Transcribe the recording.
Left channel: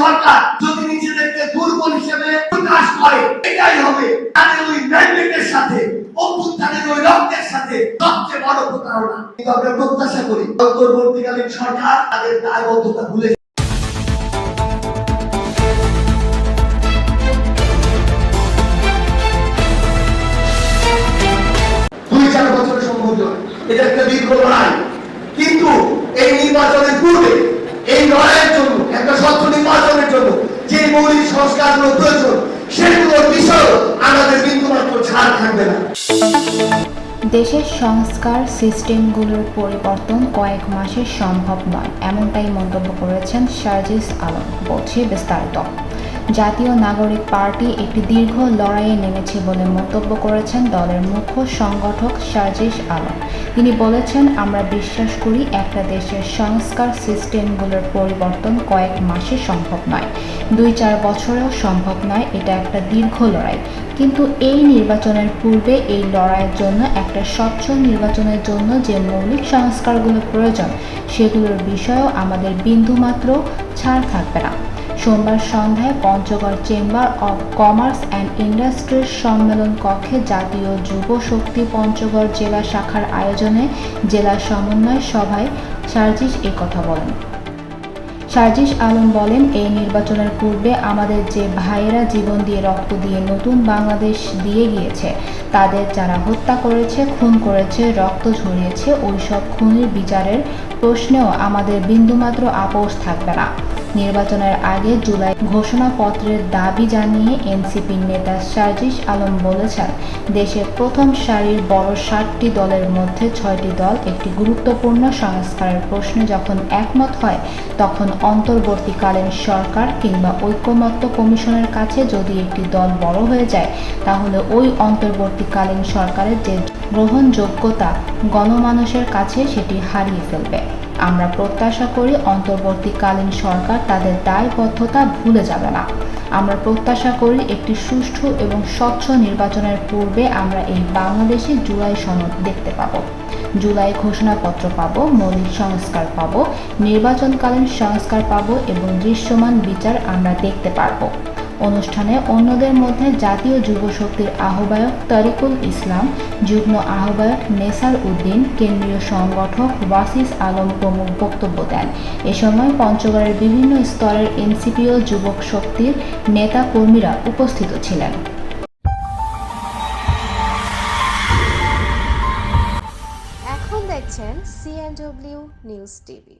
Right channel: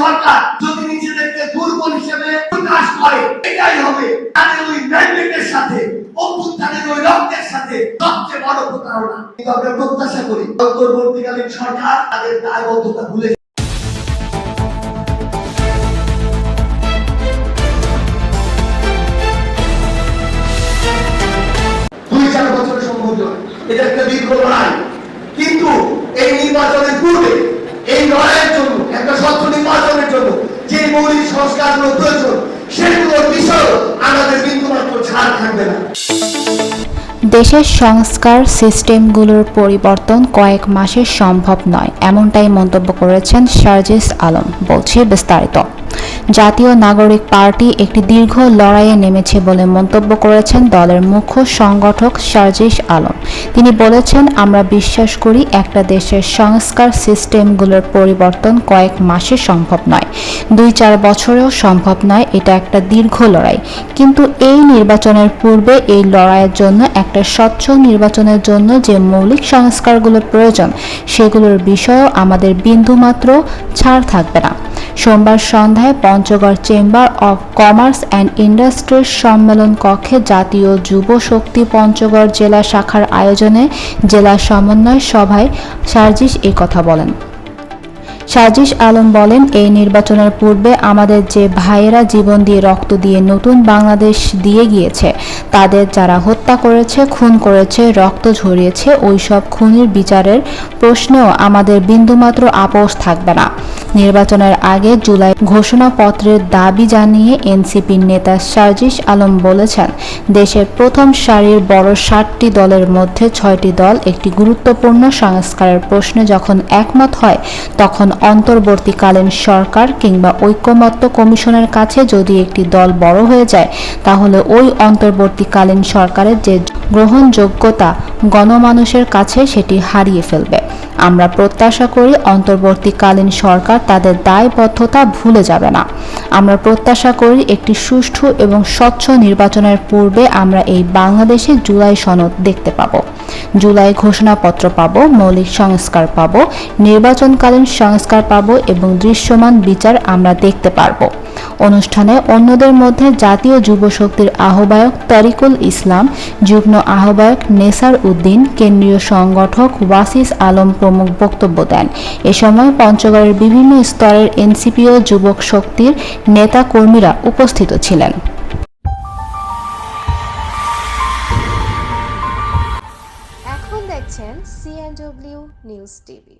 সরকার যদি নিজেদেরকে দুর্বল হিসেবে প্রকাশ করে, এটাই হবে তাদের ওই ম্যান্ডেটের সাথে, অভ্যুত্থানের ওই রক্তের সাথে সবচেয়ে বড় প্রতারণা। কিন্তু আমরা প্রত্যাশা করি। সরকার তাদের দায়বদ্ধতা ভুলে এটা একটা দীর্ঘ লড়াই। কিন্তু এই নির্বাচনের পূর্বে, এই লড়াইয়ের জন্য প্রয়োজন, সেগুলোর বিষয় আমাদের বিন্দুমাত্র ছাড় থাকবে না। দেশের সংস্কার সিস্টেমগুলোর পরিবর্তন কয়েক মাসে সম্ভব নয়, এমনটাই মন্তব্য করেছেন শারজিস আলম, বলছে বিস্তারিত। জাতীয় নাগরিক পার্টি একটি দীর্ঘ লড়াইয়ে নেমেছে বলে মন্তব্য করেছেন দলের মুখ্য সংগঠক শারজিস আলম। তিনি বলেছেন, আমরা বিশ্বাস করি একটা দেশের সংস্কার সিস্টেমগুলোর পরিবর্তন কয়েক মাসে সম্ভব নয়। দুই চার বছরেও সম্ভব নয় এটা একটা দীর্ঘ লড়াই। কিন্তু এই নির্বাচনের পূর্বে এই লড়াইয়ের জন্য, একটা স্বচ্ছ নির্বাচনের জন্য যে মৌলিক সংস্কারগুলো প্রয়োজন, সেগুলোর বিষয়েও আমাদের বিন্দুমাত্র ছাড় থাকবে না। সোমবার সন্ধ্যায় Panchagarh chamber of commerce and ইন্ডাস্ট্রির সম্মেলন কক্ষে জাতীয় যুব শক্তি পঞ্চগড় জেলা শাখার আয়োজনে জেলা সমন্বয় সভায় সার্জিস এই কথা বলেন। সাজিস আলম বলেন, এই নির্বাচনের পূর্বে আমাদের যে ভাইয়েরা জীবন দিয়ে রক্ত দিয়ে নতুন বাংলাদেশ দিয়ে গিয়েছে, তাদের যারা হত্যা করেছে, খুন করেছে, রক্ত ঝরিয়েছে ওই সব খুনির বিচারের প্রশ্নেও আমাদের বিন্দুমাত্র আপোষ থাকবে না। নির্বাচনের আগে জুলাই ঘোষণাপত্রের দাবি জানিয়ে এনসিপির নেতা সার্জিস আলম বলেছেন, দেশের প্রথম সারির বড় ষাটটি দলের মধ্যে ছয়টি দল একটি গুরুত্বপূর্ণ সংস্কারের প্রশ্নে যখন একমত হয়, তখন অন্তর্বর্তীকালীন সরকার কিংবা ঐক্যমত্য কমিশনের কাছে যদি একটি দল বড় হয়ে যায়, তাহলে ওই অন্তর্বর্তীকালীন সরকারের যে গ্রহণযোগ্যতা গণমানুষের কাছে সেটি হারিয়ে ফেলবে। আমরা প্রত্যাশা করি অন্তর্বর্তীকালীন সরকার তাদের দায়বদ্ধতা ভুলে যাবে না। আমরা প্রত্যাশা করি একটি সুষ্ঠু এবং স্বচ্ছ নির্বাচনের পূর্বে আমরা এই বাংলাদেশে জুলাই সনদ দেখতে পাব। জুলাই ঘোষণাপত্র পাব, মৌলিক সংস্কার পাব, নির্বাচনকালীন সংস্কার পাব এবং দৃশ্যমান বিচার আমরা দেখতে পারব। অনুষ্ঠানে অন্যদের মধ্যে জাতীয় যুব শক্তির আহ্বায়ক তারিকুল ইসলাম, যুগ্ম আহ্বায়ক নেসার উদ্দিন, কেন্দ্রীয় সংগঠক ওয়াসিস আলম প্রমুখ বক্তব্য দেন। এ সময় পঞ্চগড়ের বিভিন্ন স্তরের এনসিপি ও যুবক শক্তির নেতা কর্মীরা উপস্থিত ছিলেন। এখন দেখছেন সিএনডব্লিউ নিউজ টিভি